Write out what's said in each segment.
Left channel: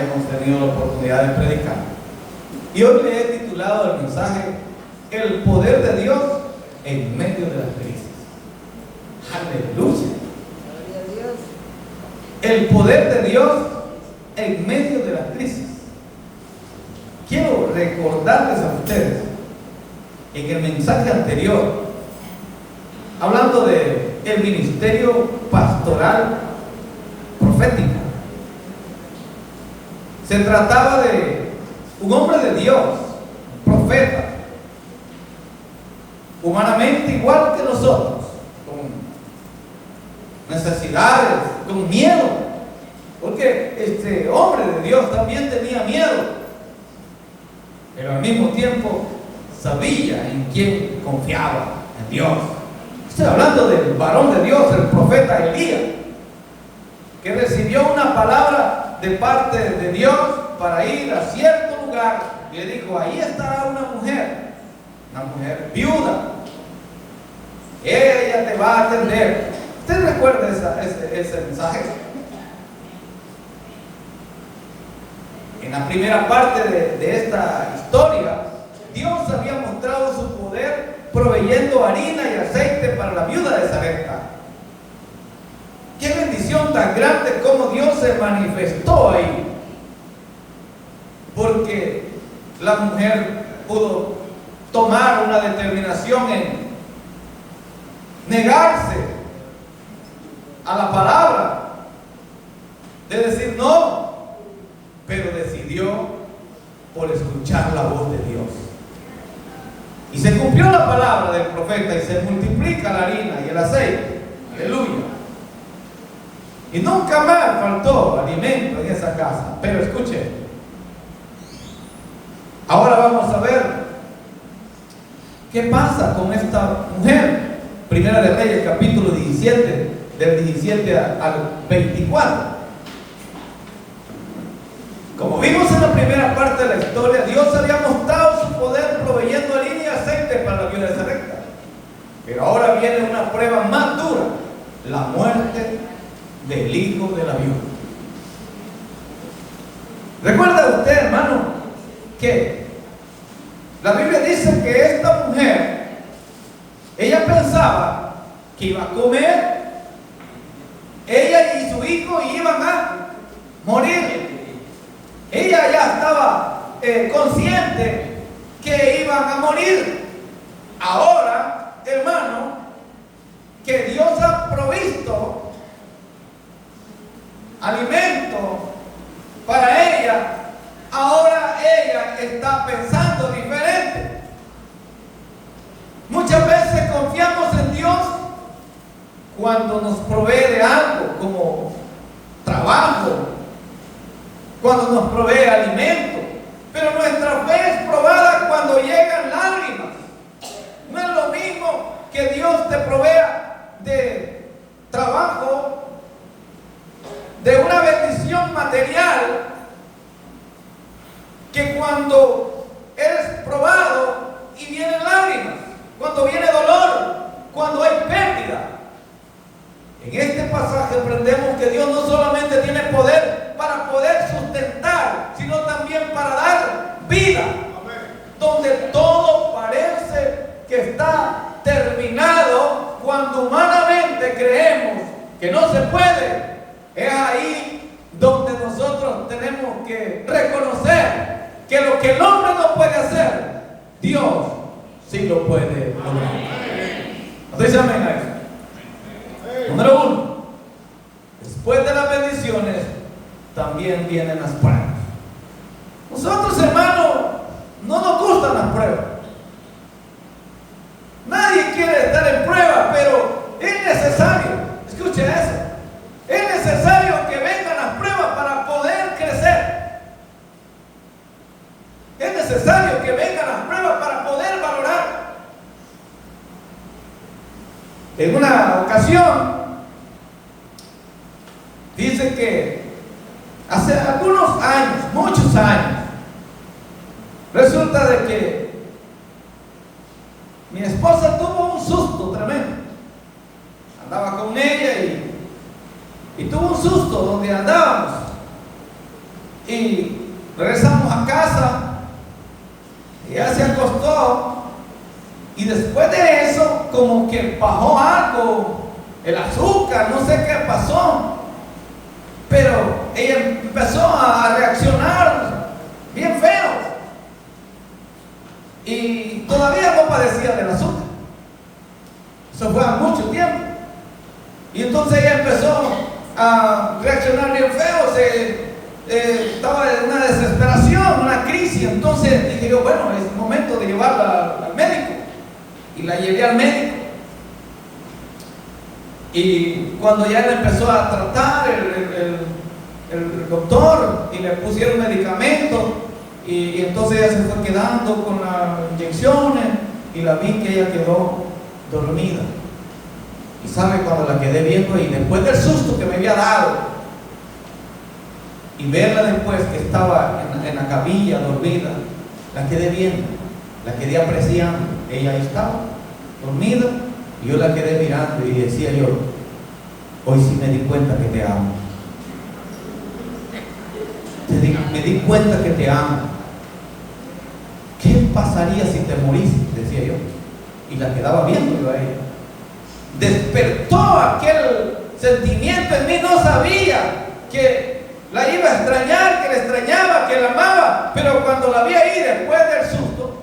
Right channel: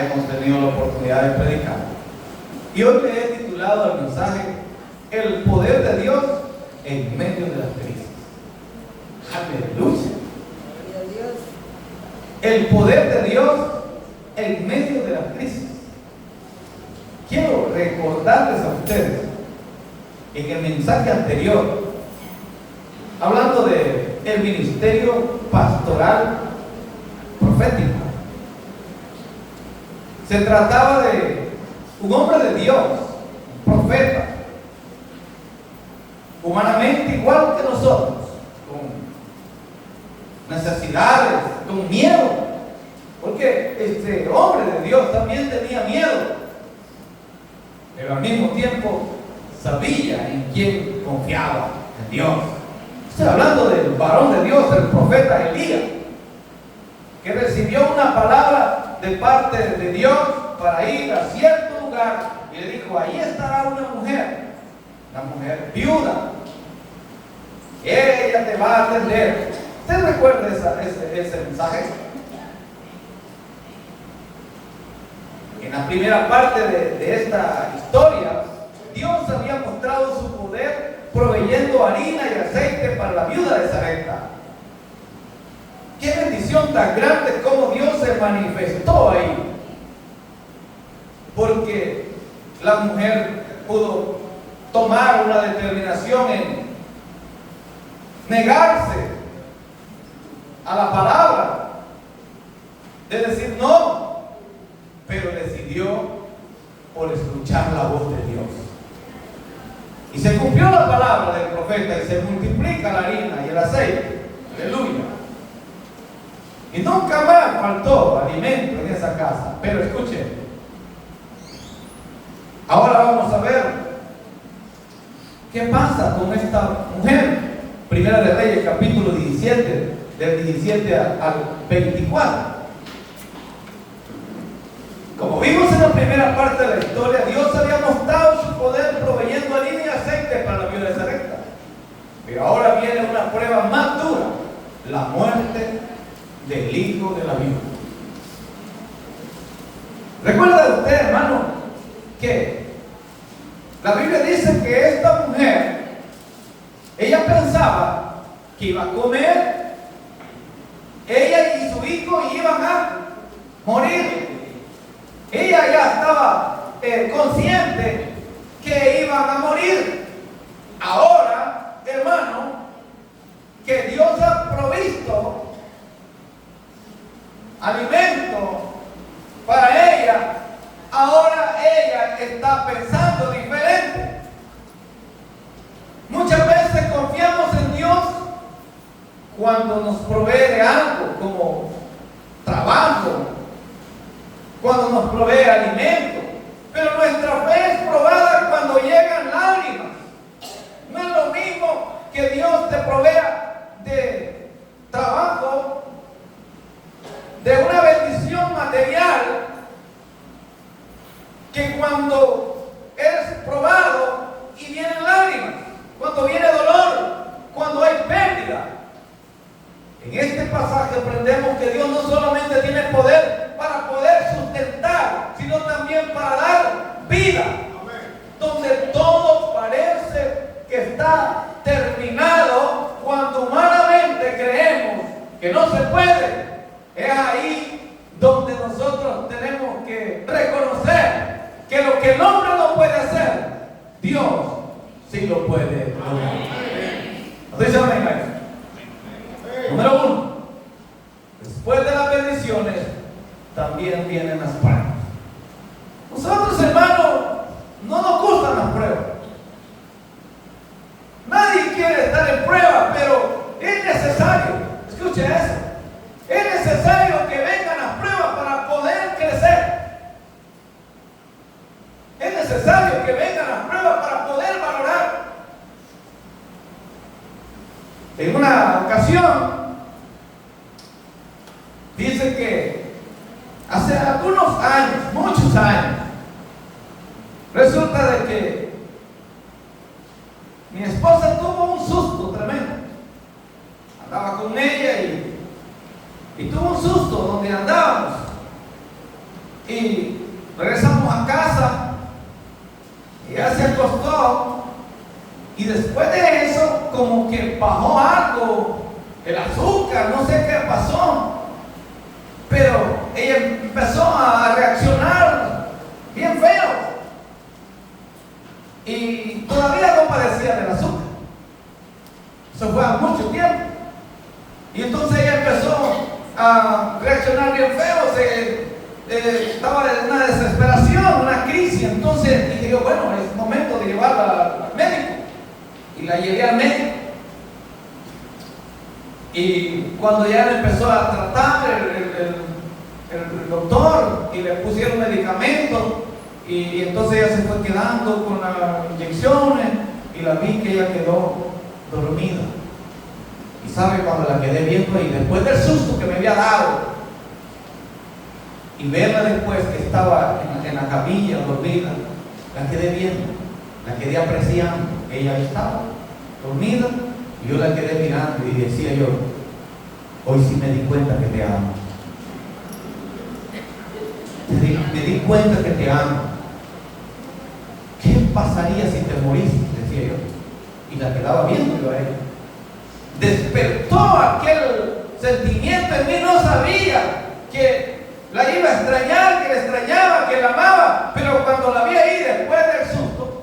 hemos tenido la oportunidad de predicar. Y hoy le he titulado el mensaje El poder de Dios en medio de las crisis. Aleluya. El poder de Dios en medio de las crisis. Quiero recordarles a ustedes en el mensaje anterior, hablando de el ministerio pastoral profético, se trataba de un hombre de Dios, un profeta, humanamente igual que nosotros, con necesidades, con miedo, porque este hombre de Dios también tenía miedo, pero al mismo tiempo sabía en quién confiaba, en Dios. Estoy hablando del varón de Dios, el profeta Elías, que recibió una palabra de parte de Dios para ir a cierto lugar y le dijo: ahí estará una mujer viuda, ella te va a atender. ¿Usted recuerda ese mensaje? En la primera parte de esta historia, Dios había mostrado su poder proveyendo harina y aceite para la viuda de Sarepta. Qué bendición tan grande como Dios se manifestó ahí, porque la mujer pudo tomar una determinación en negarse a la palabra, de decir no, pero decidió por escuchar la voz de Dios. Y se cumplió la palabra del profeta y se multiplica la harina y el aceite. Aleluya. Y nunca más faltó alimento en esa casa. Pero escuchen, ahora vamos a ver qué pasa con esta mujer. Primera de Reyes, capítulo 17, del 17 al 24. Como vimos en la primera parte de la historia, Dios había mostrado su poder proveyendo harina y aceite para la viuda de Sarepta. Pero ahora viene una prueba más dura: la muerte del hijo de la viuda. ¿Recuerda usted, hermano, que la Biblia dice que esta mujer, ella pensaba que iba a comer, ella y su hijo iban a morir? Ella ya estaba consciente que iban a morir. Ahora, hermano, que Dios ha provisto alimento para ella, ahora ella está pensando diferente. Muchas veces confiamos en Dios cuando nos provee de algo, como trabajo, cuando nos provee alimento, pero nuestra fe es probada cuando llegan lágrimas. No es lo mismo que Dios te provea de trabajo, de una bendición material, que cuando eres probado y vienen lágrimas, cuando viene dolor, cuando hay pérdida. En este pasaje aprendemos que Dios no solamente tiene poder para poder sustentar, sino también para dar vida. Donde todo parece que está terminado, cuando humanamente creemos que no se puede, es ahí donde nosotros tenemos que reconocer que lo que el hombre no puede hacer, Dios sí lo puede lograr. ¿Ustedes saben eso? Número uno, después de las bendiciones también vienen las pruebas. Nosotros, hermanos, no nos gustan las pruebas. Nadie quiere estar en prueba, pero es necesario. Escuche eso. Es necesario que vengan las pruebas para poder crecer. Es necesario que vengan las pruebas para poder valorar. En una ocasión, dice que hace algunos años, muchos años, resulta de que mi esposa tuvo un susto tremendo. Andaba con ella y tuvo un susto donde andábamos. Y regresamos a casa, ella se acostó, y después de eso, como que bajó algo, el azúcar, no sé qué pasó, pero ella empezó a reaccionar bien feo, y todavía no padecía del azúcar. Eso fue hace mucho tiempo, y entonces ella empezó a reaccionar bien feo, estaba en una desesperación, una crisis. Entonces dije yo, bueno, es momento de llevarla al médico, y la llevé al médico. Y cuando ya la empezó a tratar el doctor, y le pusieron medicamentos, y entonces ella se fue quedando con las inyecciones, y la vi que ella quedó dormida. Y sabe, cuando la quedé viendo, y después del susto que me había dado, y verla después que estaba en la camilla dormida, la quedé viendo, la quedé apreciando. Ella estaba dormida, y yo la quedé mirando, y decía yo, hoy sí me di cuenta que te amo. Me di cuenta que te amo. ¿Qué pasaría si te moriste? Decía yo. Y la quedaba viendo yo a ella. Despertó aquel sentimiento en mí. No sabía que la iba a extrañar, que la extrañaba, que la amaba, pero cuando la vi ahí después del susto,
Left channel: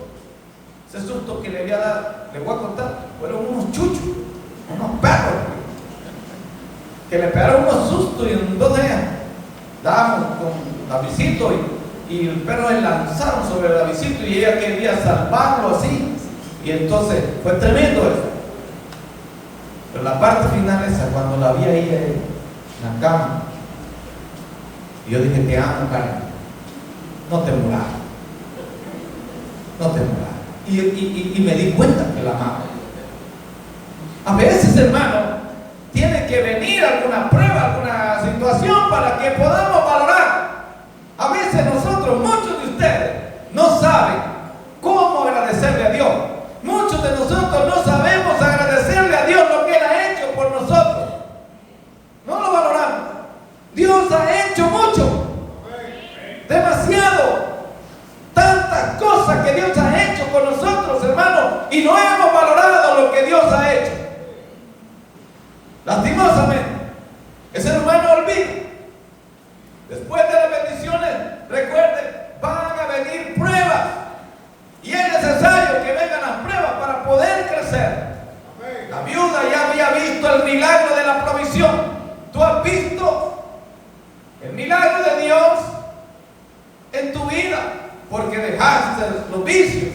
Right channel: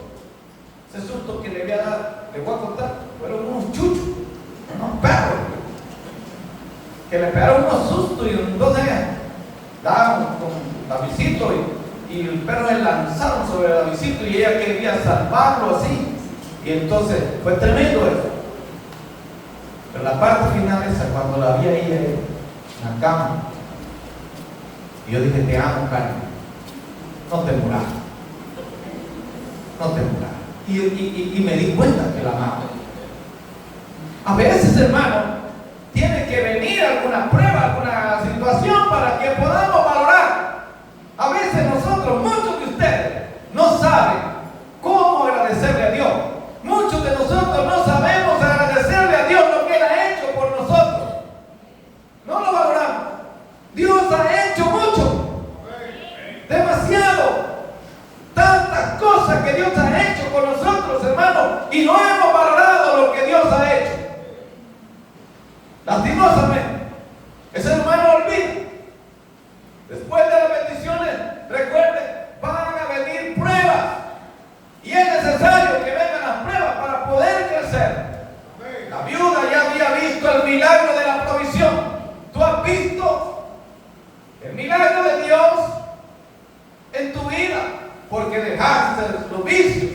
ese susto que le había dado, le voy a contar, fueron unos chuchos, unos perros, que le pegaron unos sustos, y entonces dábamos con Davidcito, y el perro le lanzaron sobre Davidcito, y ella quería salvarlo así, y entonces fue tremendo eso. Pero la parte final esa, cuando la vi a ella en la cama, y yo dije, te amo, Karen, no te muras, no te muras. Y me di cuenta que la amaba. A veces, hermano, tiene que venir alguna prueba, alguna situación para que podamos valorar. A veces nosotros, muchos de ustedes, no saben cómo agradecerle a Dios. Muchos de nosotros no sabemos agradecerle a Dios lo que Él ha hecho por nosotros. No lo valoramos. Dios ha hecho mucho, demasiado, tantas cosas que Dios ha hecho con nosotros, hermanos, y no hemos valorado lo que Dios ha hecho. Lastimosamente, ese hermano olvida. Después de las bendiciones, recuerden, van a venir pruebas, y es necesario que vengan las pruebas para poder crecer. La viuda ya había visto el milagro de la provisión. ¿Tú has visto el milagro de Dios en tu vida? Porque dejaste los vicios,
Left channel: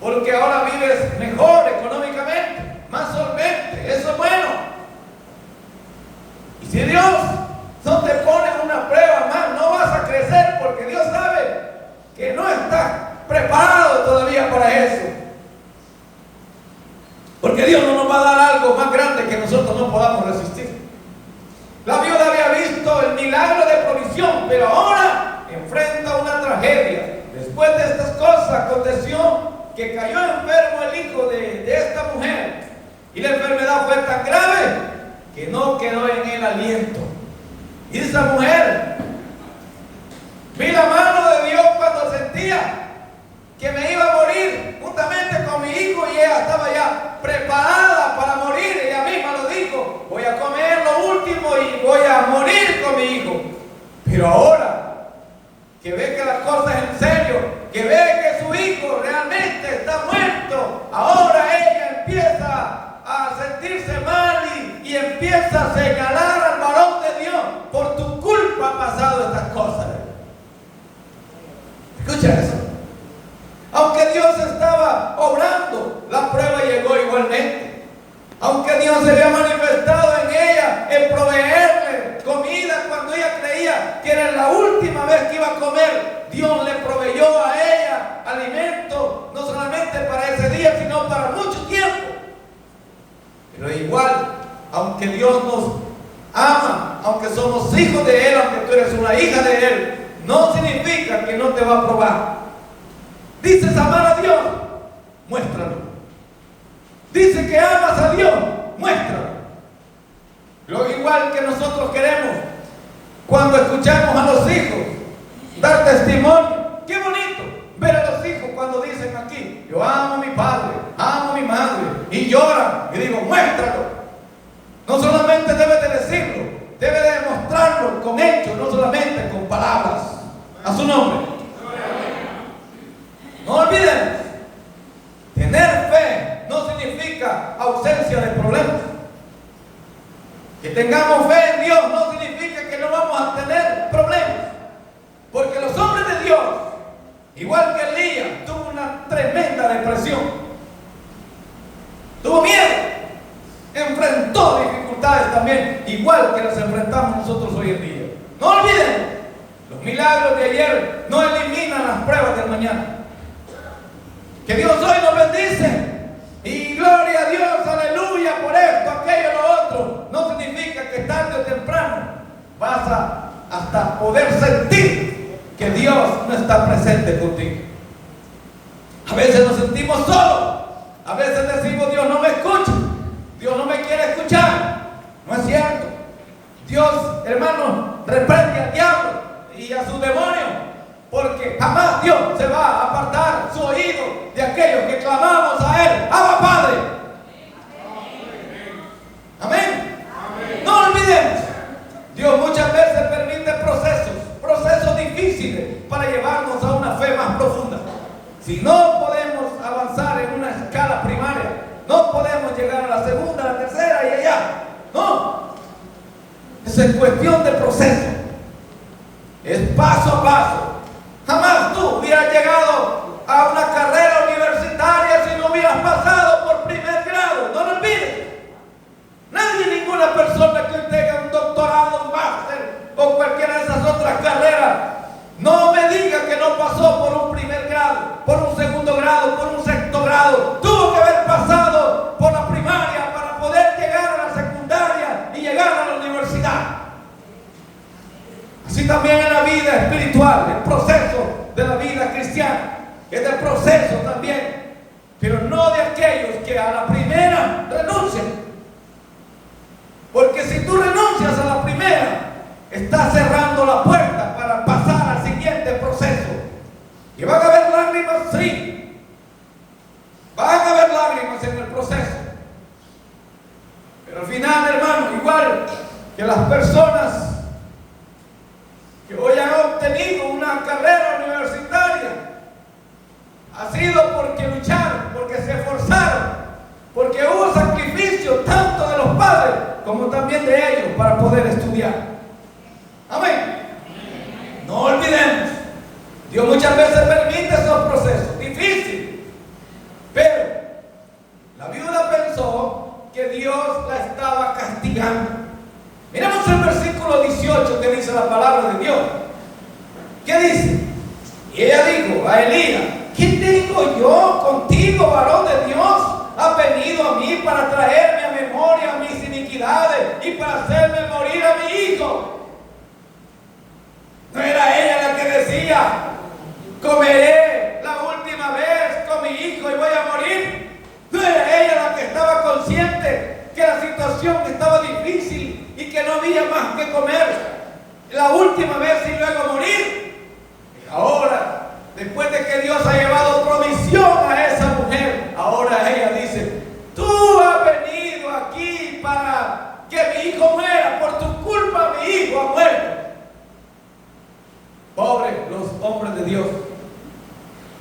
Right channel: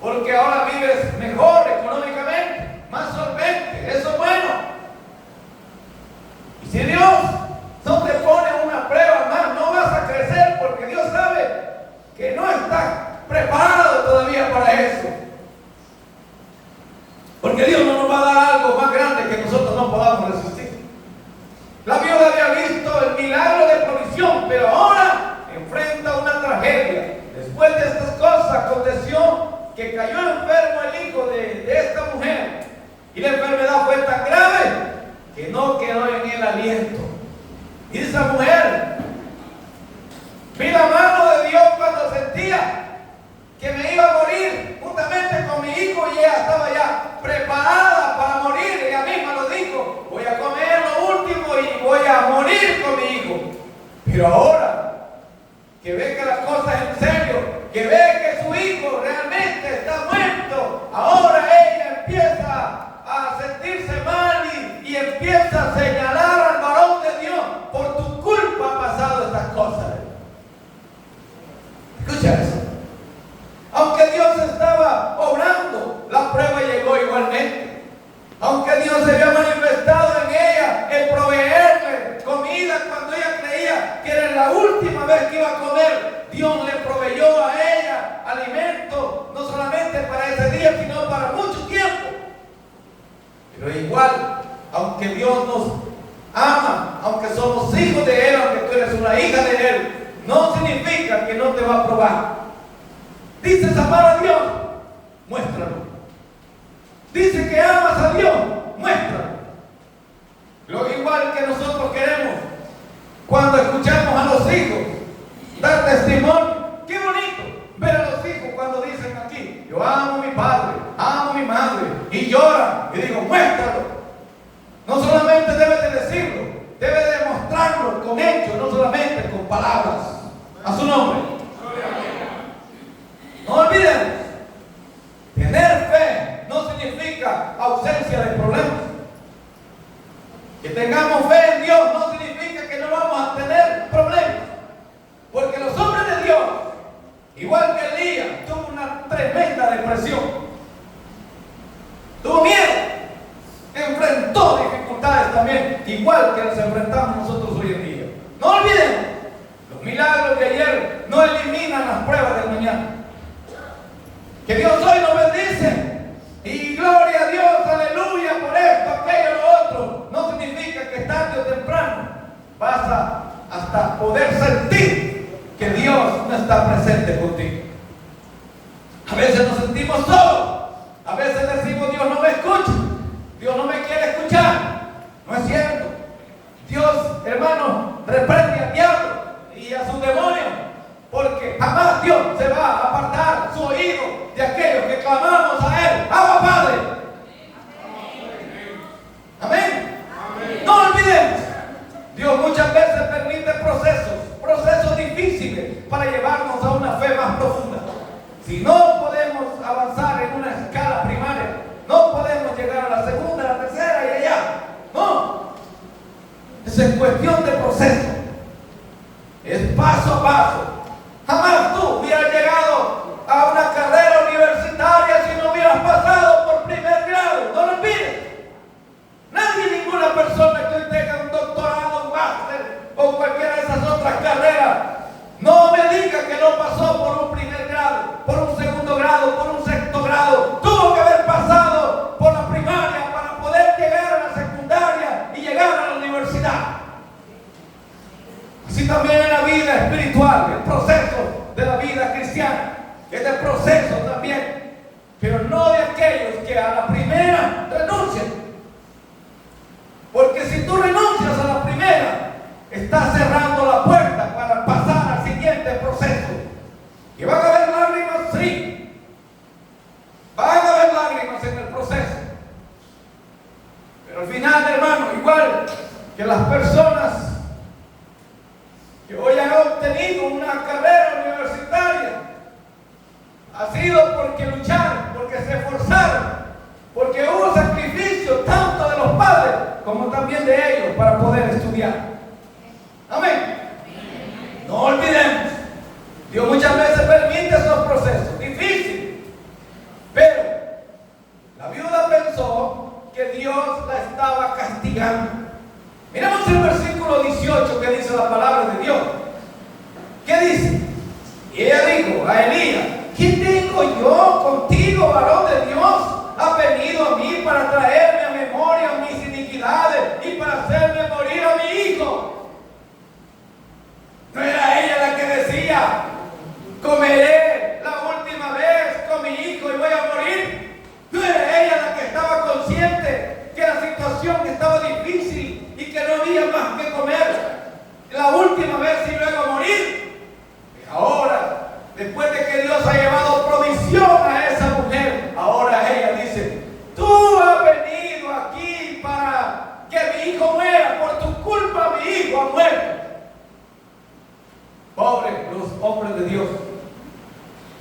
porque ahora vives mejor económicamente, más solvente. Eso es bueno. Y si Dios no te pone una prueba más, no vas a crecer, porque Dios sabe que no estás preparado todavía para eso. Porque Dios no nos va a dar algo más grande que nosotros no podamos resistir. La viuda había visto el milagro de provisión, pero ahora enfrenta una tragedia. Después de estas cosas aconteció que cayó enfermo el hijo de esta mujer, y la enfermedad fue tan grave que no quedó en él aliento. Y esa mujer, vi la mano de Dios cuando sentía que me iba a morir juntamente con mi hijo, y ella estaba ya preparada para morir. Ella misma lo dijo: voy a comer lo último y voy a morir con mi hijo. Pero ahora que ve que las cosas en serio, que ve que su hijo realmente está muerto, ahora ella empieza a sentirse mal, y empieza a señalar al varón de Dios: por tu culpa han pasado estas cosas. Escucha eso. Aunque Dios estaba obrando, la prueba llegó igualmente. Aunque Dios se había manifestado en ella el proveerle comida cuando ella creía que era la última vez que iba a comer, Dios le proveyó a ella alimento, no solamente para ese día, sino para mucho tiempo. Pero igual, aunque Dios nos ama, aunque somos hijos de Él, aunque tú eres una hija de Él, no significa que no te va a probar. Dices amar a Dios, muéstralo. Dices que amas a Dios, muéstralo. Lo igual que nosotros queremos cuando escuchamos a los hijos testimonio. Qué bonito ver a los hijos cuando dicen aquí: yo amo a mi padre, amo a mi madre, y lloran. Y digo: muéstralo. No solamente debe de decirlo, debe de demostrarlo con hechos, no solamente con palabras. A su nombre. No olvidemos, tener fe no significa ausencia de problemas. Que tengamos fe en Dios no significa que no vamos a tener problemas. Porque los hombres de Dios, igual que Elías, tuvo una tremenda depresión. Tuvo miedo. Enfrentó dificultades también, igual que las enfrentamos nosotros hoy en día. No olvidemos, los milagros de ayer no eliminan las pruebas del mañana. Que Dios hoy nos bendice. Y gloria a Dios, aleluya, por esto, aquello, lo otro. No significa que tarde o temprano vas a hasta poder sentir que Dios no está presente contigo. A veces nos sentimos solos. A veces decimos: Dios no me escucha. Dios no me quiere escuchar. No es cierto. Dios, hermano, reprende al diablo y a sus demonios. Porque jamás Dios se va a apartar su oído de aquellos que clamamos a Él: Abba, Padre. Amén. No olvidemos, Dios muchas veces permite procesos difíciles para llevarnos a una fe más profunda. Si no podemos avanzar en una escala primaria, no podemos llegar a la segunda, a la tercera y allá. No. Es cuestión de proceso. Es paso a paso. Jamás tú hubieras llegado a una carrera universitaria si no hubieras pasado por primer grado. No lo olvides. Nadie, ninguna persona que tenga un doctorado, un máster o cualquiera de esas otras carreras, no me diga que no pasó por un primer grado, por un segundo grado, por un sexto grado. Tuvo que haber pasado por la primaria para poder llegar a la secundaria y llegar a la universidad. Así también en la vida espiritual, el proceso de la vida cristiana es el proceso también, pero no de aquellos que a la primera renuncian. Porque si tú renuncias a la primera, estás cerrando la puerta para pasar al siguiente proceso. Y van a haber lágrimas, sí. Van a haber lágrimas en el proceso. Pero al final, hermano, igual que las personas que hoy han obtenido una carrera universitaria, ha sido porque lucharon, porque se esforzaron, porque hubo sacrificio tanto de los padres como también de ellos para poder estudiar. Amén. No olvidemos, Dios muchas veces permite esos procesos difíciles, pero la viuda pensó que Dios la estaba castigando. Miramos el versículo 18 que dice la palabra de Dios. ¿Qué dice? Y ella dijo a Elías: ¿qué tengo yo contigo, varón de Dios? Has venido a mí para traerme a memoria mis iniquidades y para hacerme morir a mi hijo. ¿No era ella la que decía: comeré la última vez con mi hijo y voy a morir? ¿No era ella la que estaba consciente que la situación estaba difícil y que no había más que comer la última vez y luego morir? Y ahora, después de que Dios ha llevado provisión a esa mujer, ahora ella dice: tú has venido aquí para que mi hijo muera, por tu culpa mi hijo ha muerto. Pobres los hombres de Dios,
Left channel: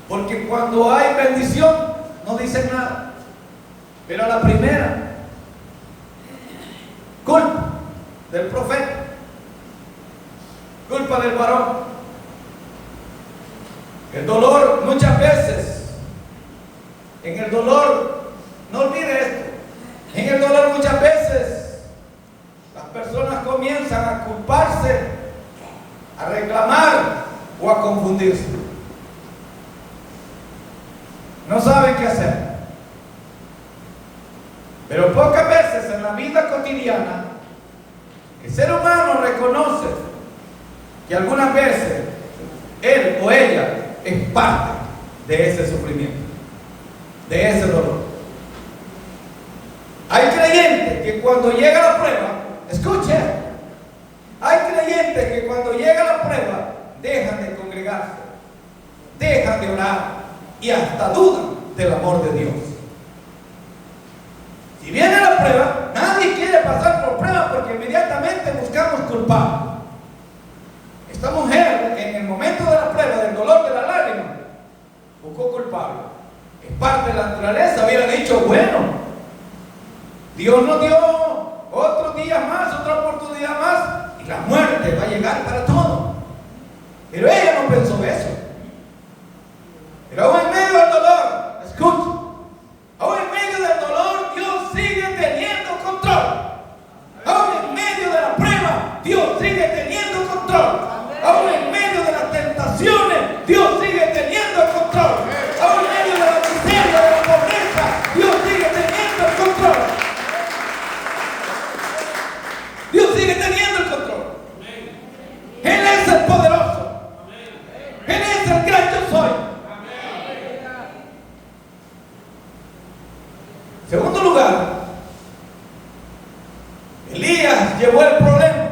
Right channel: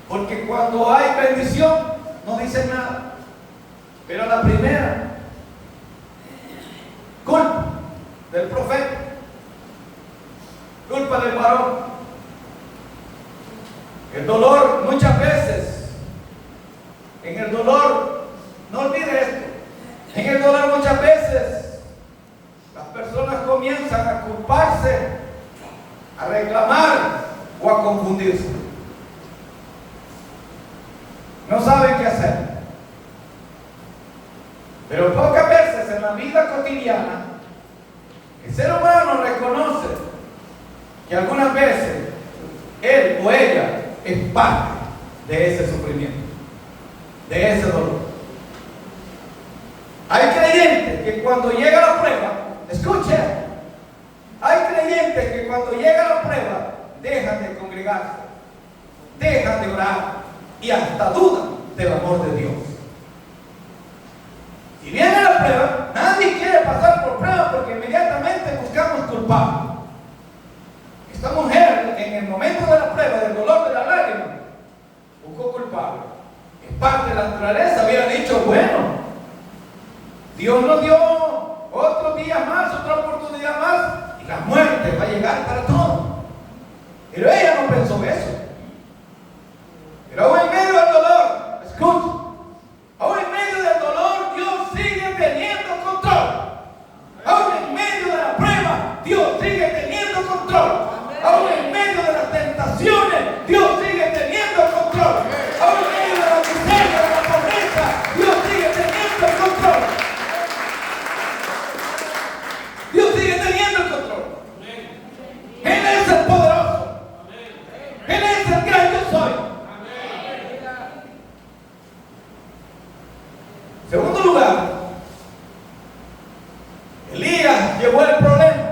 porque cuando hay bendición no dicen nada, pero a la primera culpa del profeta, culpa del varón. El dolor muchas veces, en el dolor, no olvide esto, en el dolor muchas veces las personas comienzan a culparse, a reclamar o a confundirse. No saben qué hacer. Pero pocas veces en la vida cotidiana el ser humano reconoce que algunas veces él o ella es parte de ese sufrimiento, de ese dolor. Hay creyentes que cuando llega la prueba, escuche, hay creyentes que cuando llega la prueba dejan de congregarse, dejan de orar y hasta dudan del amor de Dios. Si viene la prueba, nadie quiere pasar por prueba porque inmediatamente buscamos culpables. Esta mujer, en el momento de la prueba, del dolor, de la lágrima, buscó culpable. Es parte de la naturaleza. Hubiera dicho, bueno, Dios nos dio otro día más, otra oportunidad más, y la muerte va a llegar para todos. Pero ella no pensó eso. Pero aún en medio del dolor, escucha, aún en medio del dolor, Dios sigue teniendo control. Aún en medio de la prueba, Dios sigue teniendo control. Aún en medio de las tentaciones, Dios sigue teniendo control. Aún en medio de la miseria, de la pobreza, Dios sigue teniendo el control. Dios sigue teniendo el control. Él es el poderoso. Él es el gran yo soy. En segundo lugar, Elías llevó el problema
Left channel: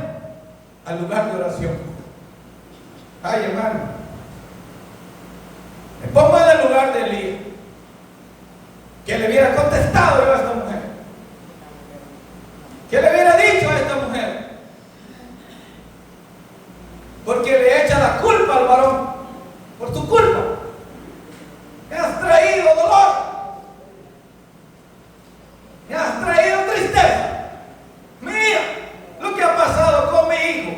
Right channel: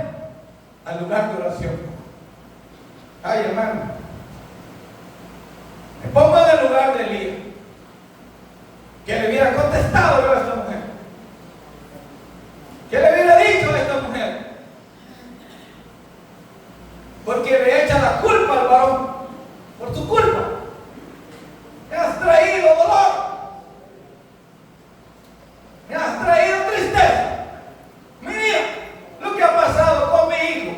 al lugar de oración. Ay, hermano, me pongo en el lugar de Elías, que le hubiera contestado yo a esta mujer, que le hubiera dicho a esta mujer, porque le echa la culpa al varón, por tu culpa, me has traído dolor, me has traído tristeza, mira lo que ha pasado con mi hijo.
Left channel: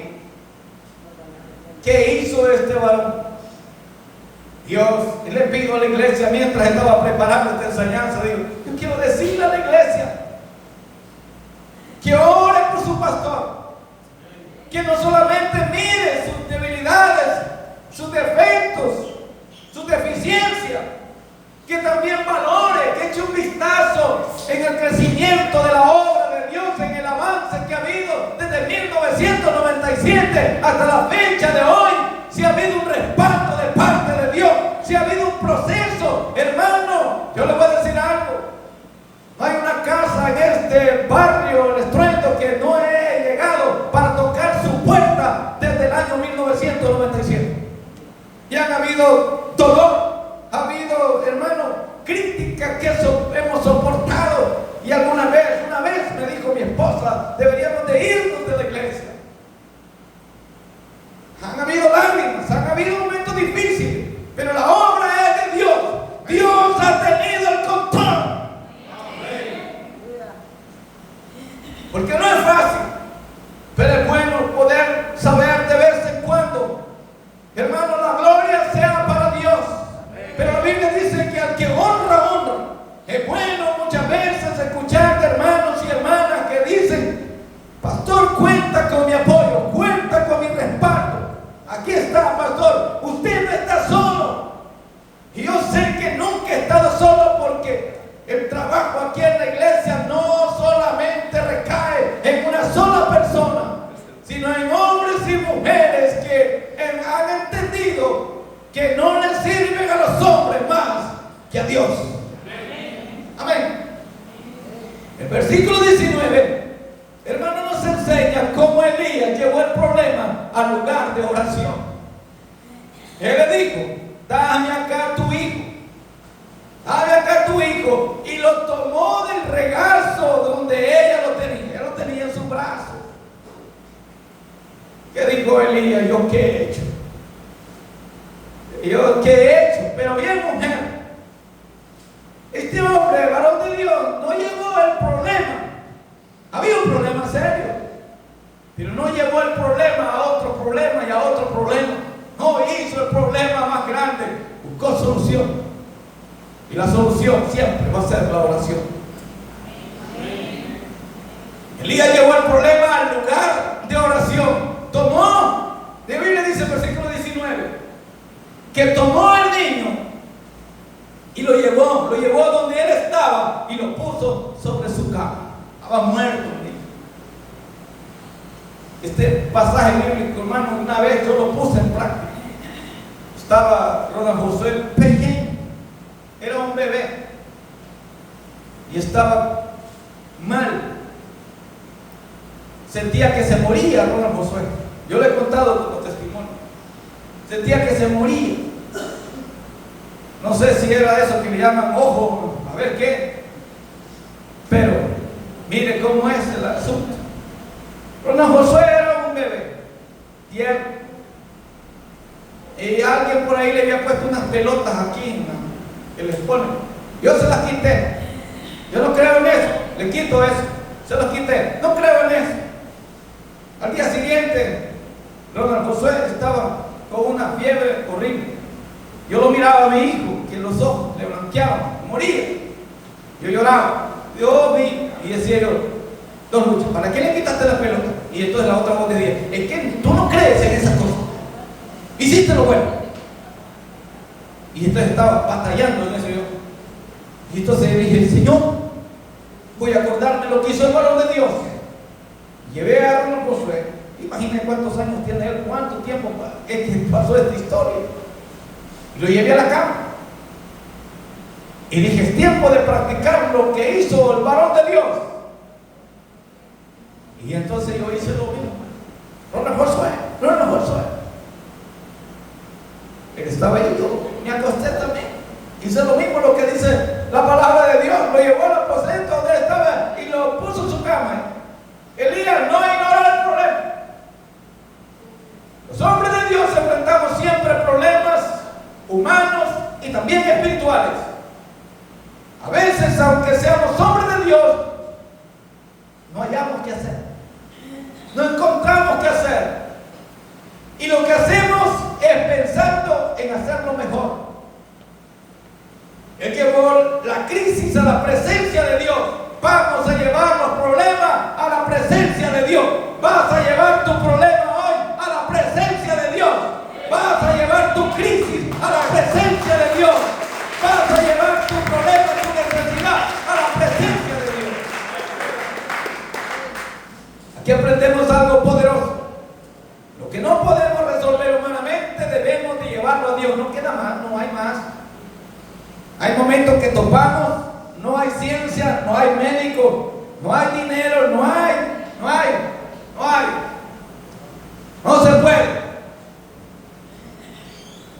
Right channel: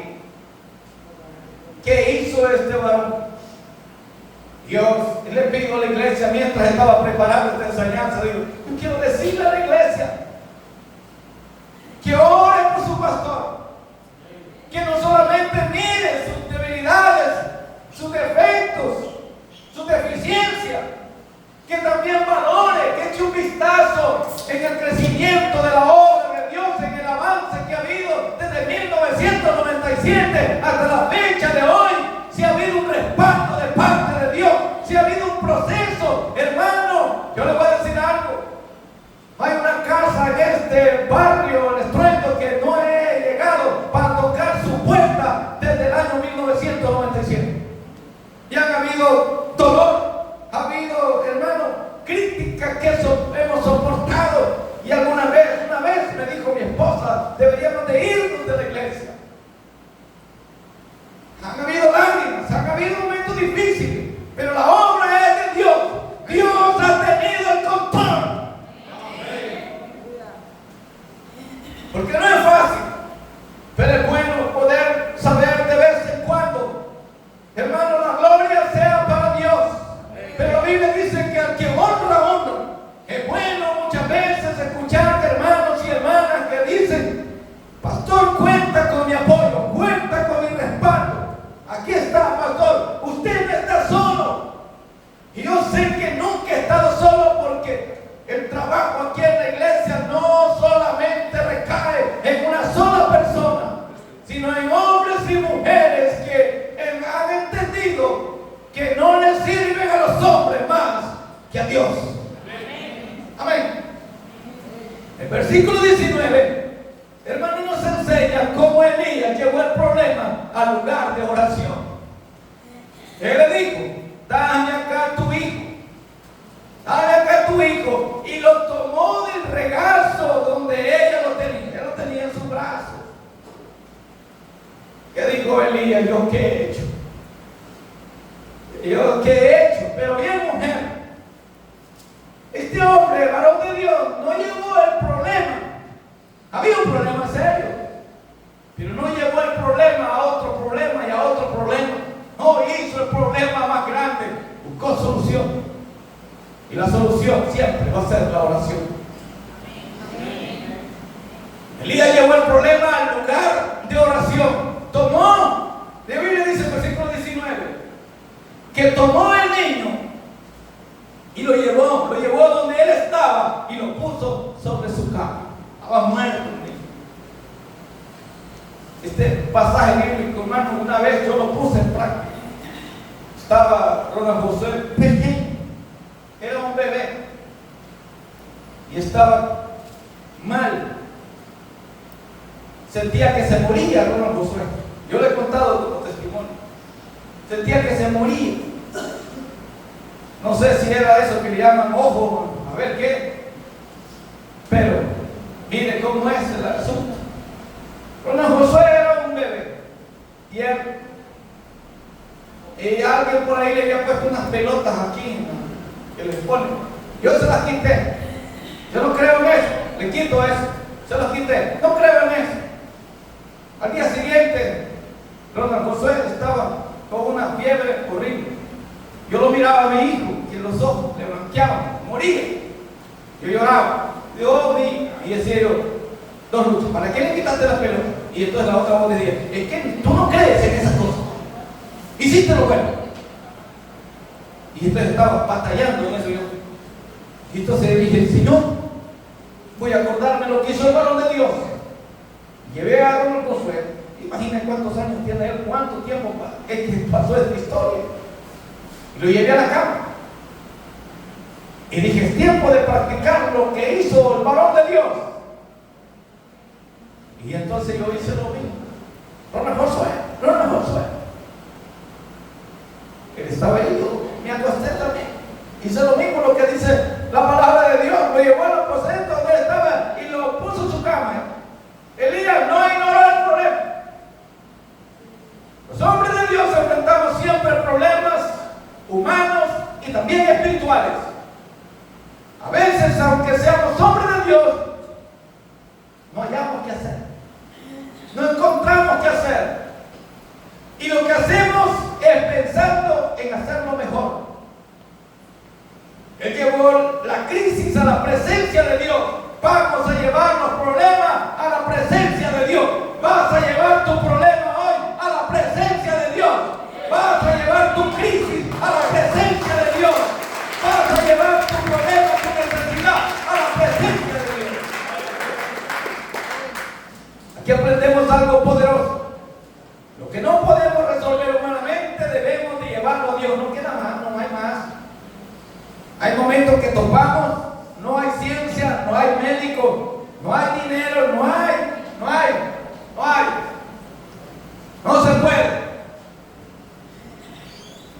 ¿Qué hizo este varón? Dios, le pido a la iglesia mientras estaba preparando esta enseñanza, digo, yo quiero decirle a la iglesia que ore por su pastor, que no solamente mire sus debilidades, sus defectos, sus deficiencias, que también valore, que eche un vistazo en el crecimiento de la obra de Dios, en el avance que ha habido desde 1997 hasta la fecha de hoy. Si ha habido un respaldo de parte de Dios, si ha habido un proceso, hermano, yo le voy a decir algo. Hay una casa en este barrio, el Estruendo, que no he llegado para tocar su puerta desde el año 1997. Y han habido dolor, ha habido, hermano, críticas que hemos soportado. Y una vez me dijo mi esposa, deberíamos de irnos de la iglesia. Han habido lágrimas, han habido momentos difíciles, pero la obra es de Dios. Dios ha tenido el control. Porque no es fácil, pero es bueno poder saber de vez en cuando, hermano, la gloria sea para Dios. Pero la Biblia dice que al que honra, honra. Es bueno muchas veces escuchar de hermanos y hermanas que dicen, pastor, cuenta con mi apoyo, cuenta con mi respaldo. Aquí está, pastor, usted no está solo. Y yo sé que nunca he estado solo, porque el trabajo aquí en la iglesia no solamente recae en una sola persona, sino en hombres y mujeres que han entendido que no le sirven a los hombres más que a Dios. Amén. El versículo 19, hermano, nos enseña cómo Elías llevó el problema al lugar de oración. Él le dijo, dame acá tu hijo, dame acá tu hijo, y lo tomó del regazo donde ella lo tenía en su brazo. ¿Qué dijo Elías? ¿Yo qué he hecho? ¿Yo qué he hecho? Pero bien, mujer, este hombre, varón de Dios, no llevó el problema. Había un problema serio, pero no llevó el problema a otro problema y a otro problema. No hizo el problema más grande, buscó solución. Y la solución siempre va a ser la oración. Elías llevó el problema al lugar de oración. Tomó, la Biblia dice en el versículo 19, que tomó el niño y lo llevó donde él estaba y lo puso sobre su cama. Estaba muerto el niño. Este pasaje bíblico, hermano, una vez yo lo puse en práctica. Estaba Ronald Josué pequeño, era un bebé y estaba mal. Sentía que se moría Ronald Josué. Yo le he contado como testimonio. Sentía que se moría. No sé si era eso que le llaman ojo, a ver qué. Pero mire cómo es el asunto. Ronald Josué era un bebé tierno. Y alguien por ahí le había puesto unas pelotas aquí que les ponen. Yo se las quité. Yo no creo en eso. Le quito eso. Se los quité. No creo en eso. Al día siguiente, Ronald Josué estaba con una fiebre horrible. Yo lo miraba a mi hijo, que los ojos le blanqueaban, moría. Yo lloraba. Yo vi, y decía yo, don Lucho, ¿para qué le quitaste las pelotas? Y entonces la otra voz me decía, es que tú no crees en esas cosas. Hiciste lo bueno. Y entonces estaba batallando en eso yo. Y entonces dije, Señor, voy a acordarme lo que hizo el varón de Dios. Llevé a Ronald Josué. Imaginen cuántos años tiene él, cuánto tiempo que pasó esta historia. Y lo llevé a la cama. Y dije, es tiempo de practicar lo que hizo el varón de Dios. Y entonces yo hice lo mismo. Ronald Josué. Él estaba ahí, yo me acosté también. Hice lo mismo, lo que dice la palabra de Dios. Lo llevó al aposento donde él estaba y lo puso en su cama. Elías no ignoró el problema. Los hombres de Dios enfrentamos siempre problemas humanos y también espirituales. A veces, aunque seamos hombres de Dios, no hallamos qué hacer. No encontramos qué hacer. Y lo que hacemos es pensando en hacerlo mejor. Él llevó la crisis a la presencia de Dios. Vamos a llevar los problemas a la presencia de Dios. Vas a llevar tu problema hoy a la presencia de Dios. Vas a llevar tu crisis a la presencia de Dios. Vas a llevar tu problema, tu necesidad a la presencia de Dios. Aquí aprendemos algo poderoso. Lo que no podemos resolver humanamente debemos de llevarlo a Dios. No queda más, no hay más. Hay momentos que topamos, no hay ciencia, no hay médico, no hay dinero, no se puede.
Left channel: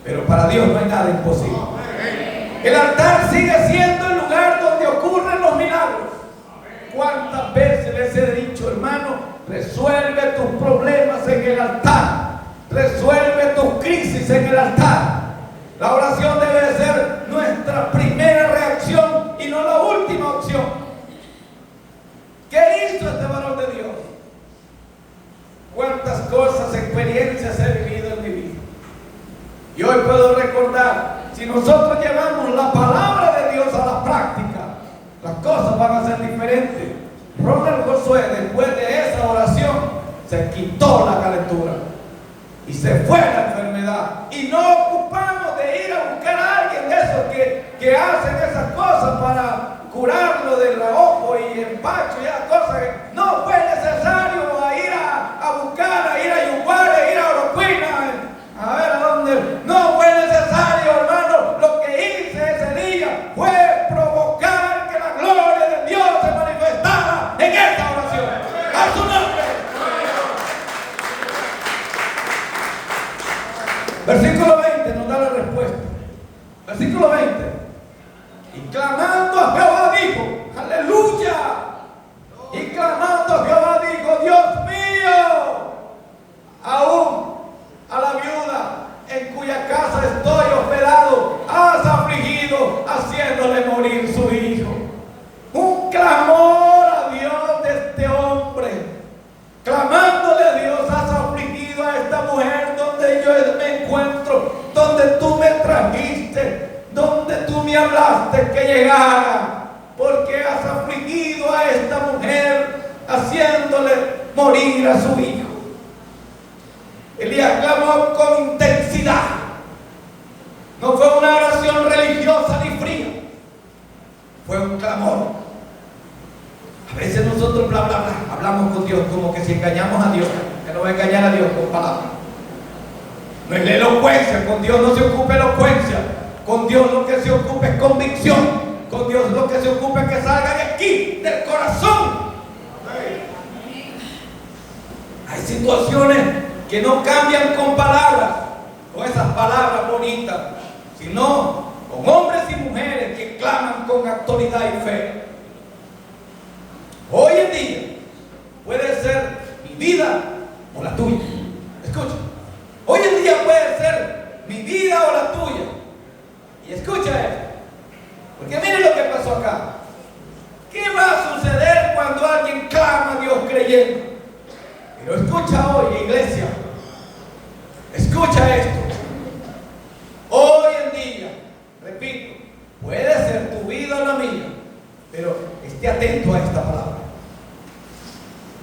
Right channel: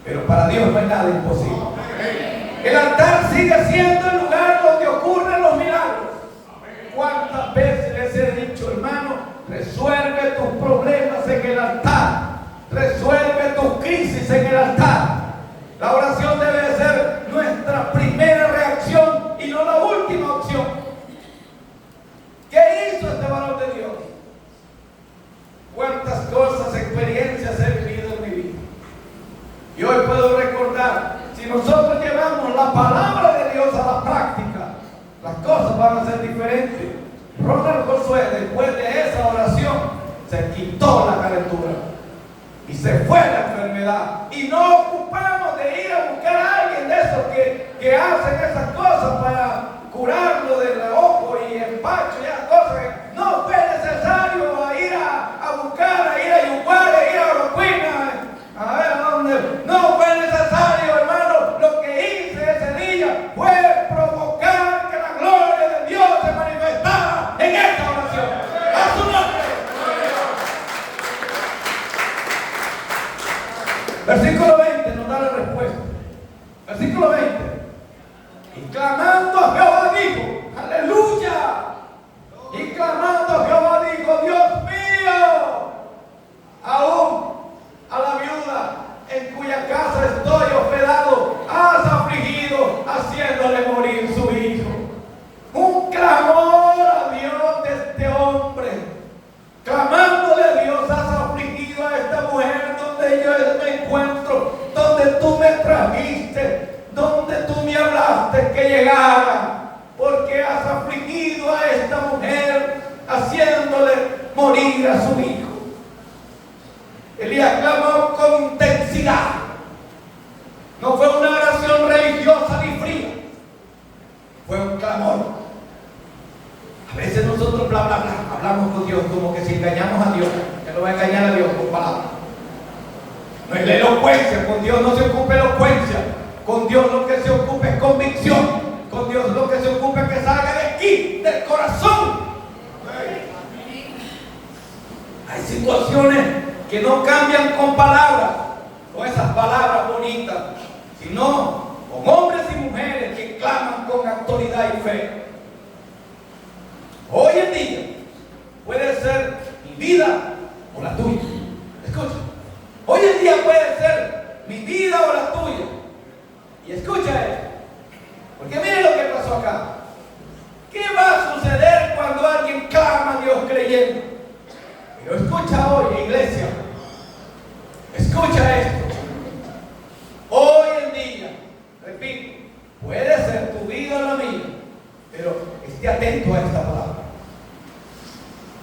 Pero para Dios no hay nada imposible. El altar sigue siendo el lugar donde ocurren los milagros. ¿Cuántas veces les he dicho, hermano? Resuelve tus problemas en el altar. Resuelve tus crisis en el altar. La oración debe ser nuestra primera reacción y no la última opción. ¿Qué hizo este varón de Dios? Cuántas cosas, experiencias he vivido en mi vida. Y hoy puedo recordar, si nosotros llevamos la palabra de Dios a la práctica, las cosas van a ser diferentes. Ronald Josué, después de esa oración, se quitó la calentura y se fue la enfermedad. Y no ocupamos de ir a buscar a alguien de esos que hacen esas cosas para curarlo del ojo y empacho y esas cosas. No fue necesario ir a buscar, a ir a Yuguare, a ir a Oroquina, a ver dónde. No fue necesario, hermano. Lo que hice ese día fue provocar que la gloria de Dios se manifestara en esta oración. A su nombre. Versículo 20 nos da la respuesta. Versículo 20. Y clamando a Jehová dijo, aleluya. Y clamando a Jehová dijo, Dios mío, aún a la viuda en cuya casa estoy hospedado, has afligido, haciéndole morir su hijo. Un clamor a Dios de este hombre, clamándole a Dios, has afligido a esta mujer donde yo me encuentro, donde tú me trajiste, donde tú me hablaste que llegara, porque has afligido a esta mujer, haciéndole morir a su hijo. Elías clamó con intensidad. No fue una oración religiosa ni fría, fue un clamor. A veces nosotros bla bla bla hablamos con Dios como que si engañamos a Dios. Que no va a engañar a Dios con palabras. No es la elocuencia, con Dios no se ocupa elocuencia. Con Dios lo que se ocupa es convicción. Con Dios lo que se ocupa es que salga de aquí, del corazón. Hay situaciones que no cambian con palabras. con esas palabras bonitas, sino con hombres y mujeres que claman con autoridad y fe. Hoy en día puede ser mi vida o la tuya. Escucha. Hoy en día puede ser mi vida o la tuya. Y escucha esto. Porque miren lo que pasó acá. ¿Qué va a suceder cuando alguien clama a Dios creyendo? Pero escucha hoy, iglesia. Escucha esto. Hoy en día, repito, puede ser tu vida o la mía, pero esté atento a esta palabra.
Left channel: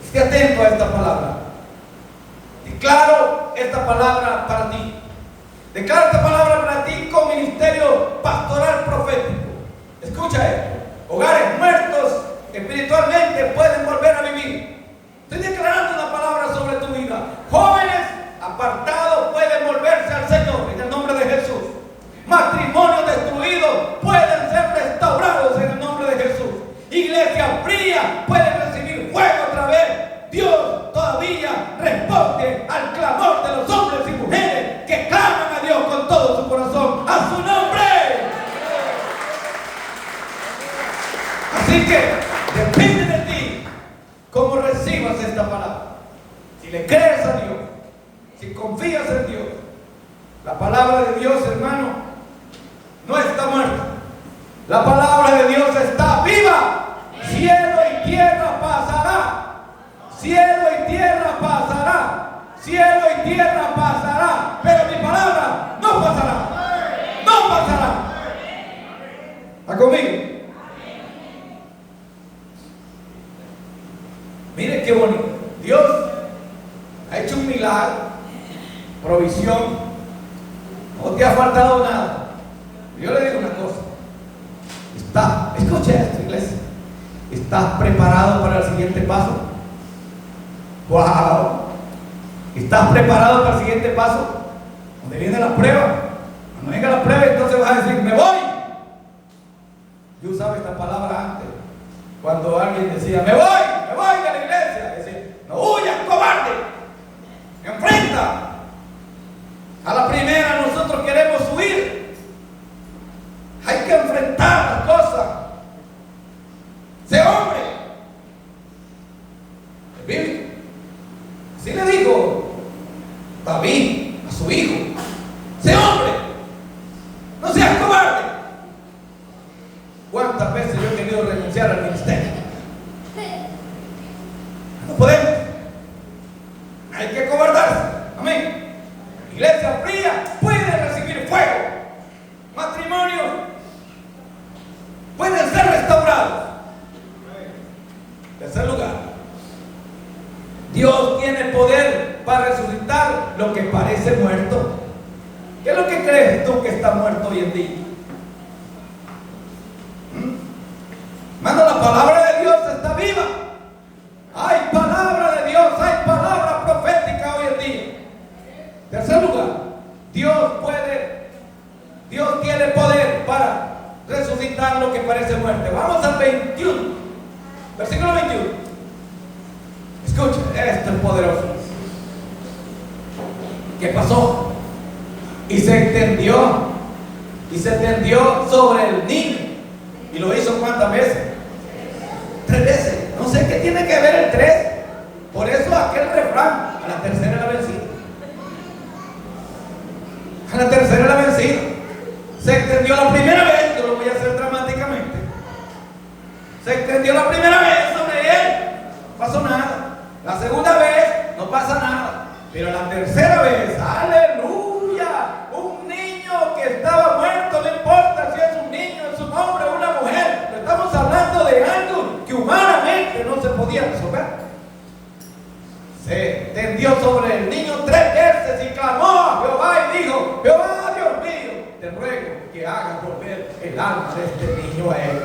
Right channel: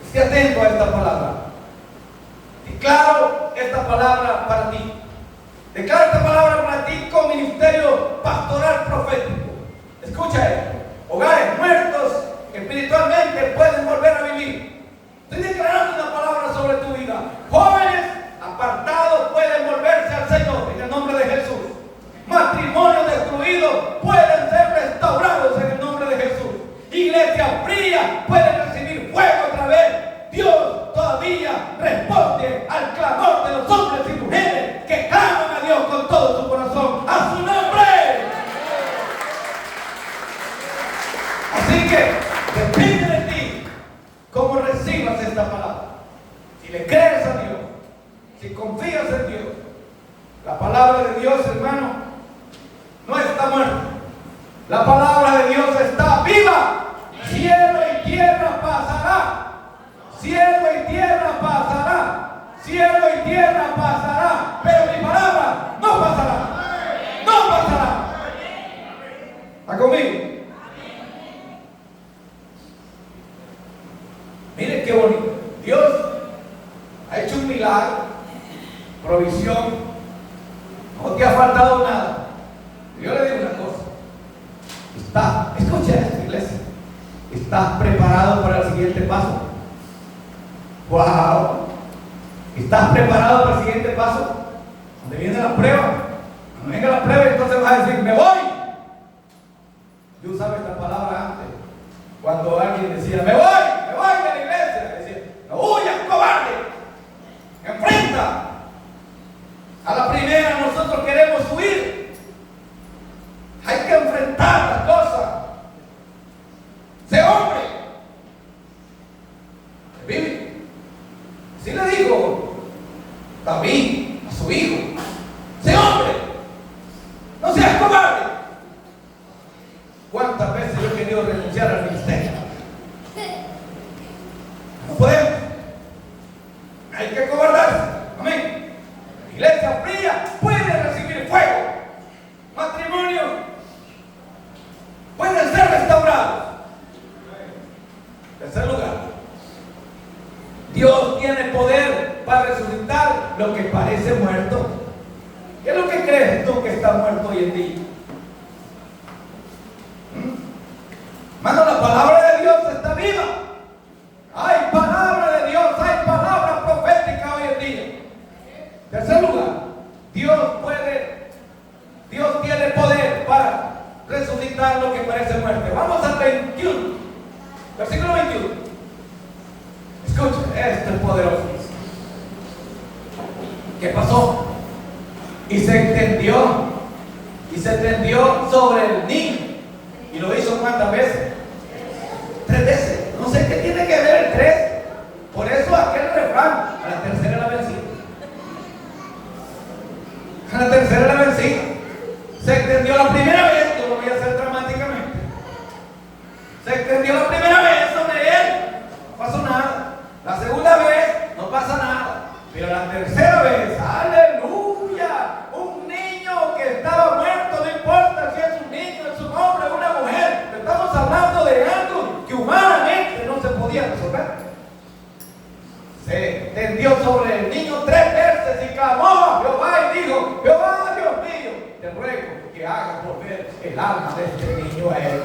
Esté atento a esta palabra. Declaro esta palabra para ti. Declaro esta palabra para ti con ministerio pastoral profético. Escucha esto. Hogares muertos espiritualmente pueden volver a vivir. Estoy declarando una palabra sobre tu vida. Jóvenes apartados pueden volverse al Señor en el nombre de Jesús. Matrimonios destruidos pueden ser restaurados en el nombre de Jesús. Iglesia fría pueden recibir fuego otra vez. Dios todavía responde al clamor de los hombres y mujeres que claman a Dios con todo su corazón, a su nombre. Así que depende de ti cómo recibas esta palabra. Si le crees a Dios, si confías en Dios, la palabra de Dios, hermano, no está muerta. La palabra de Dios está viva. Cielo y tierra pasará. Cielo y tierra pasará. Cielo y tierra pasará. Pero mi palabra no pasará. No pasará. ¿Está conmigo? Miren qué bonito. Dios ha hecho un milagro, provisión. No te ha faltado nada. Yo le digo una cosa. Escucha esto, iglesia. ¿Estás preparado para el siguiente paso? ¡Wow! ¿Estás preparado para el siguiente paso? Donde viene la prueba. Cuando venga la prueba, entonces vas a decir, ¡me voy! Yo usaba esta palabra antes. Cuando alguien decía, ¡me voy de la iglesia! Decía, ¡no huyas, cobarde! ¡Enfrenta! A la primera nosotros queremos huir. Hay que enfrentar las cosas. ¡Sé hombre! ¿Vive? Así le dijo David a su hijo: ¡sé hombre! ¡No seas cobarde! ¿Cuántas veces yo he querido renunciar al ministerio? No podemos. Hay que cobardarse. Amén. La iglesia fría puede recibir fuego. Matrimonios pueden ser restaurados. En tercer lugar, Dios tiene poder para resucitar lo que parece muerto. ¿Qué es lo que crees tú que está muerto hoy en día? Mano, la palabra de Dios está viva. Hay palabra de Dios, hay palabra profética hoy en día. Tercer lugar, Dios tiene poder para resucitar lo que parece muerte. Vamos al 21, versículo 21. Escuchen, esto es poderoso. ¿Qué pasó? Y se extendió sobre el niño. ¿Y lo hizo cuántas veces? 3 veces. No sé qué tiene que ver el 3. Por eso aquel refrán: a la tercera la vencida. A la tercera la vencida. Se extendió la primera vez. Yo lo voy a hacer dramáticamente. Se extendió la primera vez sobre él. No pasó nada. La segunda vez no pasa nada. Pero la tercera vez, aleluya, un niño que estaba muerto, no importa si es un niño, es un hombre, una mujer, pero estamos hablando de algo que humanamente no se podía resolver. Se tendió sobre el niño 3 veces y clamó a Jehová y dijo: Jehová, Dios mío, te ruego que hagas volver el alma de este niño a él.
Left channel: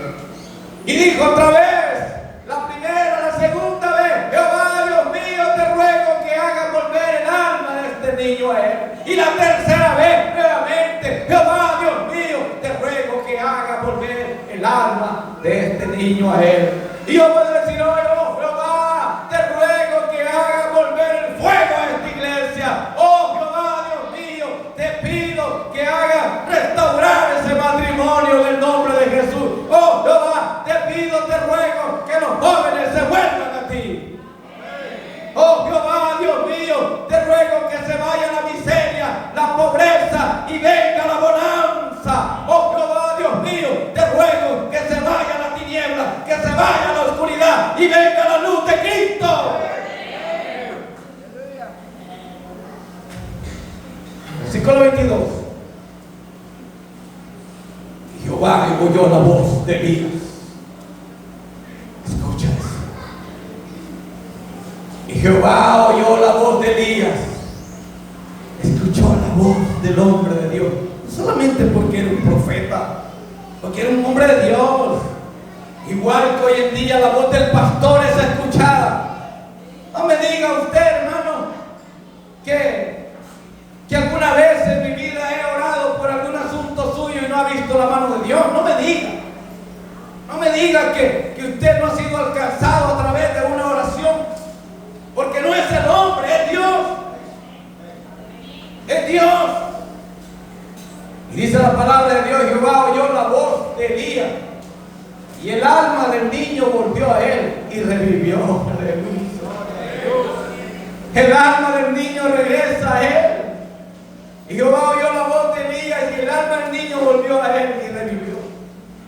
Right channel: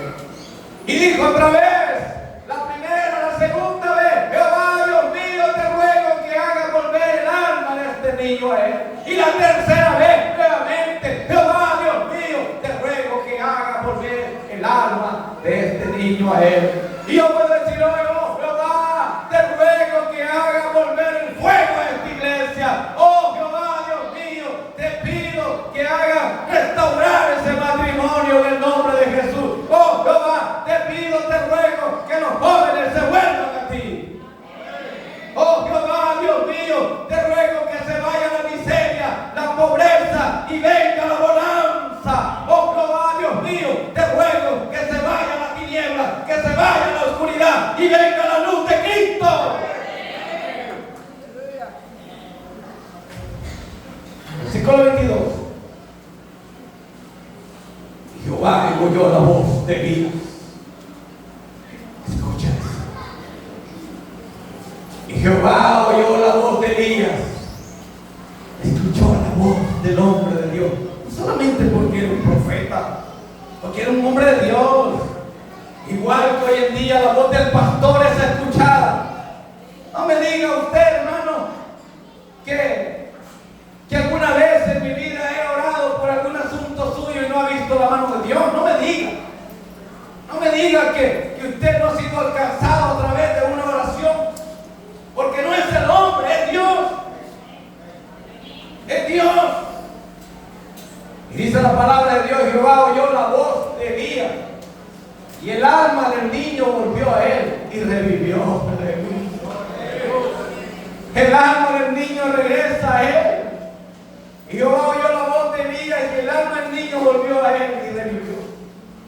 Y dijo otra vez, la primera, la segunda vez: Jehová, Dios mío, te ruego que hagas volver el alma de este niño a él. Y la tercera vez, nuevamente: Jehová, Dios mío, te ruego que hagas volver el alma de este niño a él. Y yo puedo decir: oh Jehová, te ruego que hagas volver el fuego a esta iglesia. Oh Jehová, Dios mío, te haga restaurar ese matrimonio en el nombre de Jesús. Oh Jehová, te pido, te ruego que los jóvenes se vuelvan a ti. Oh Jehová, Dios mío, te ruego que se vaya la miseria, la pobreza y venga la bonanza. Oh Jehová, Dios mío, te ruego que se vaya la tiniebla, que se vaya la oscuridad y venga la luz de Cristo. Versículo 22. Jehová oyó la voz de Elías. Escucha eso. Y Jehová oyó la voz de Elías. Escuchó la voz del hombre de Dios. No solamente porque era un profeta, porque era un hombre de Dios. Igual que hoy en día la voz del pastor es escuchada. No me diga usted, hermano, que alguna vez en mi vida he orado por algún asunto suyo y no ha visto la mano de Dios. No me diga. No me diga que usted no ha sido alcanzado a través de una oración. Porque no es el hombre, es Dios. Es Dios. Y dice la palabra de Dios: Jehová oyó la voz de Elías, y el alma del niño volvió a él y revivió. El alma del niño regresa a él. Y Jehová oyó la voz de Elías, y el alma del niño volvió a él y revivió.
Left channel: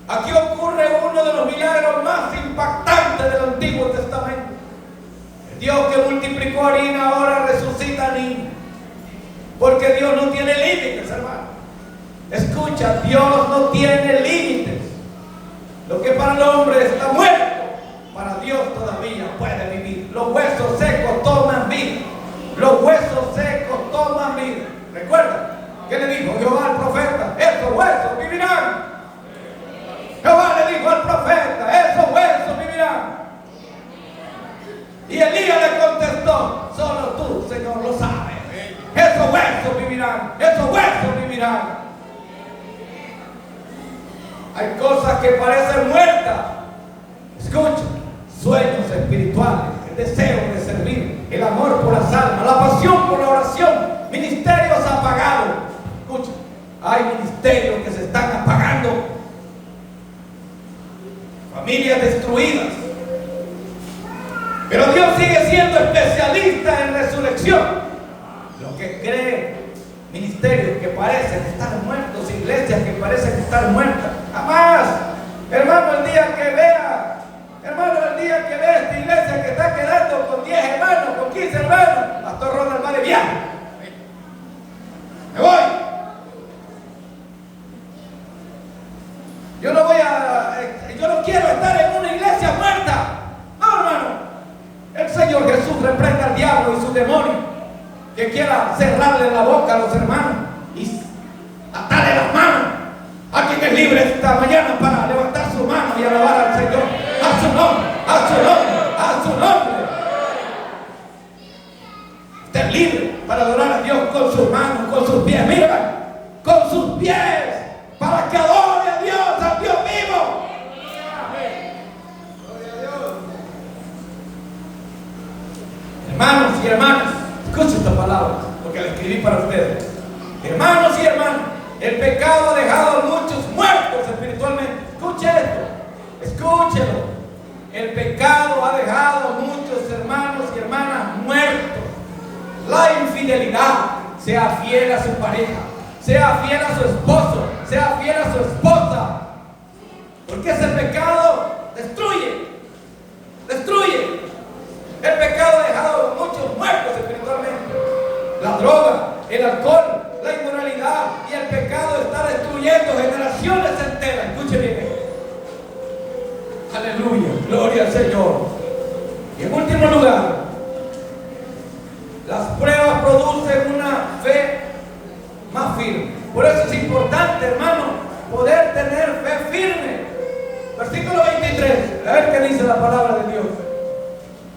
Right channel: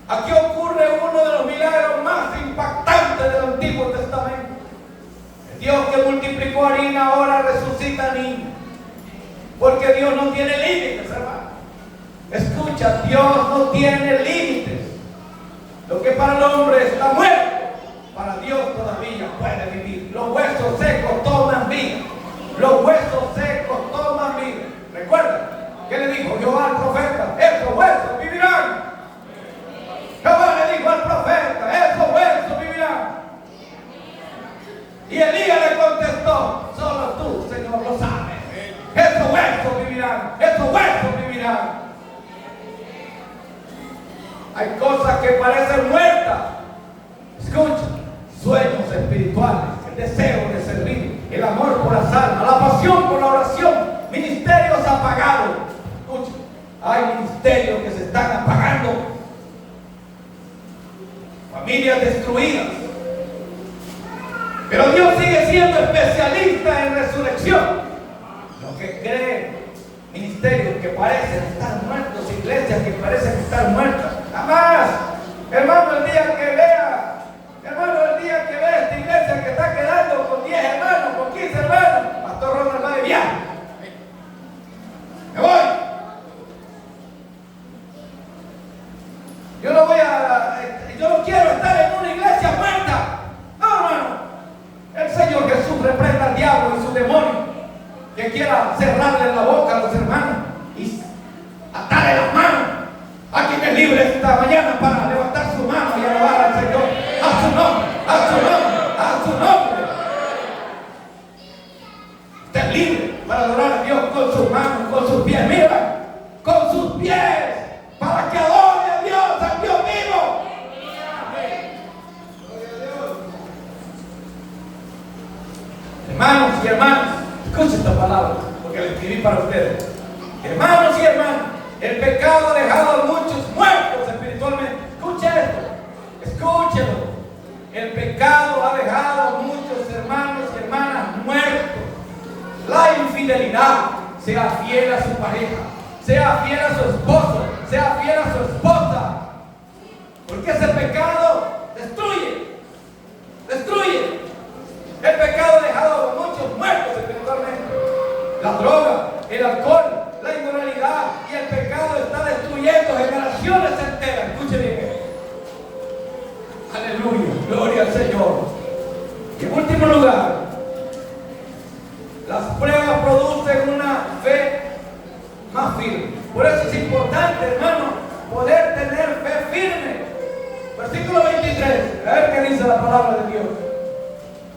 Aquí ocurre uno de los milagros más impactantes del Antiguo Testamento. El Dios que multiplicó harina ahora resucita niños. Porque Dios no tiene límites, hermano. Escucha, Dios no tiene límites. Lo que para el hombre está muerto, para Dios todavía puede vivir. Los huesos secos toman vida. Los huesos secos toman vida. Recuerda, ¿qué le dijo Jehová al profeta? Estos huesos vivirán. Jehová le dijo al profeta: esos huesos vivirán. Y Elías le contestó: solo tú, Señor, lo sabes. Esos huesos vivirán. Esos huesos vivirán. Hay cosas que parecen muertas. Escucha, sueños espirituales, el deseo de servir, el amor por las almas, la pasión por la oración, ministerios apagados. Escucha, hay ministerios que se están apagando, familias destruidas. Pero Dios sigue siendo especialista en resurrección. Lo que cree ministerios que parecen estar muertos, iglesias que parecen estar muertas. Jamás, hermano, el día que vea esta iglesia que está quedando con 10 hermanos, con 15 hermanos, Pastor Ronald va de viaje. Me voy. Yo no quiero estar en una iglesia muerta. No, hermano. El Señor Jesús reprenda al diablo y su demonio que quiera cerrarle la boca a los hermanos y atarle las manos. A quien es libre esta mañana para levantar su mano y alabar al Señor. A su nombre, a su nombre, a su nombre. Usted es libre para adorar a Dios con sus manos, con sus pies. Mira, con sus pies, para que adore a Dios vivo. Hermanos y hermanas, escuchen esta palabra, lo que le escribí para ustedes. Hermanos y hermanas, el pecado ha dejado a muchos muertos espiritualmente. Escuche esto, escúchelo. El pecado ha dejado a muchos hermanos y hermanas muertos. La infidelidad, sea fiel a su pareja, sea fiel a su esposo, sea fiel a su esposa. Porque ese pecado destruye. El pecado ha dejado a muchos muertos espiritualmente. La droga, el alcohol, la inmoralidad y el pecado está destruyendo generaciones enteras. Escuchen bien. Aleluya, gloria al Señor. Y en último lugar, las pruebas producen una fe más firme. Por eso es importante, hermano, poder tener fe firme. Versículo 23, a ver qué dice la palabra de Dios.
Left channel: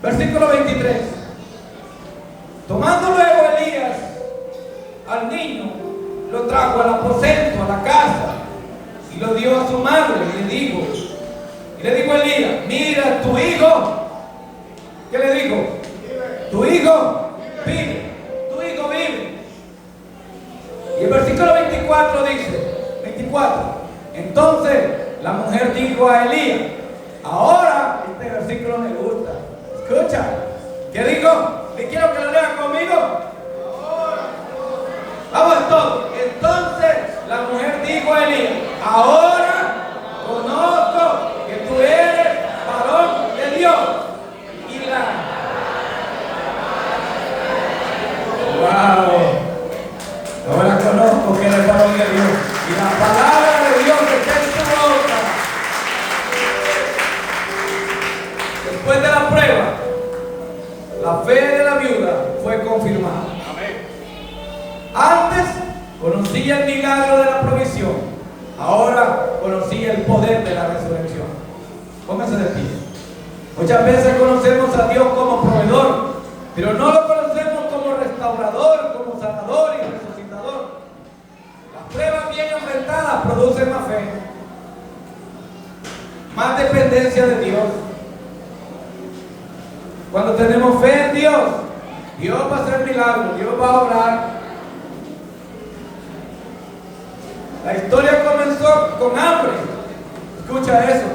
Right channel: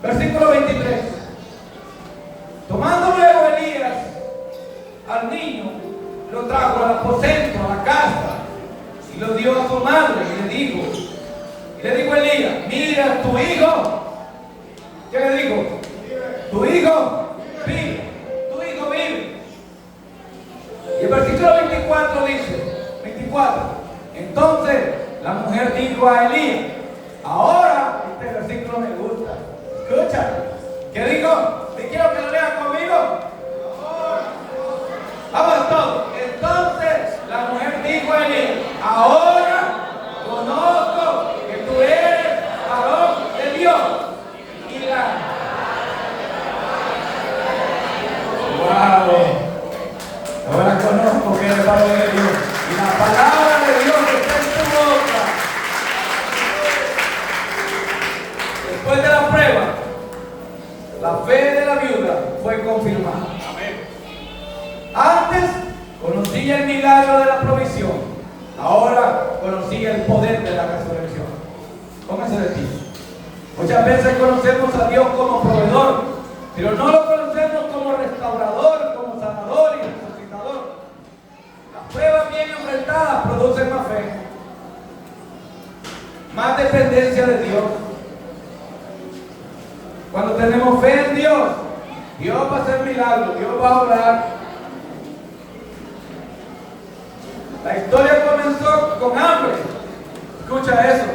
Versículo 23. Tomando luego Elías al niño, lo trajo al aposento, a la casa, y lo dio a su madre, y le dijo Elías: mira, tu hijo. ¿Qué le dijo? Tu hijo vive. Y el versículo 24 mujer dijo a Elías, ahora, este versículo me gusta, escucha, ¿qué dijo? ¿Y quiero que lo lean conmigo? Vamos todos. Entonces la mujer dijo a Elías, ahora conozco que tú eres varón de Dios. Y wow, ahora conozco que eres varón de Dios. Y la palabra de Dios que está en tu boca. Después de la prueba, la fe de la viuda fue confirmada. Antes conocía el milagro de la provisión, ahora conocía el poder de la resurrección. Póngase de pie. Muchas veces conocemos a Dios como proveedor, pero no lo conocemos como restaurador, como sanador y resucitador. Las pruebas bien enfrentadas producen más fe, más dependencia de Dios. Cuando tenemos fe en Dios, Dios va a hacer milagros, Dios va a obrar. La historia comenzó con hambre. Escucha eso.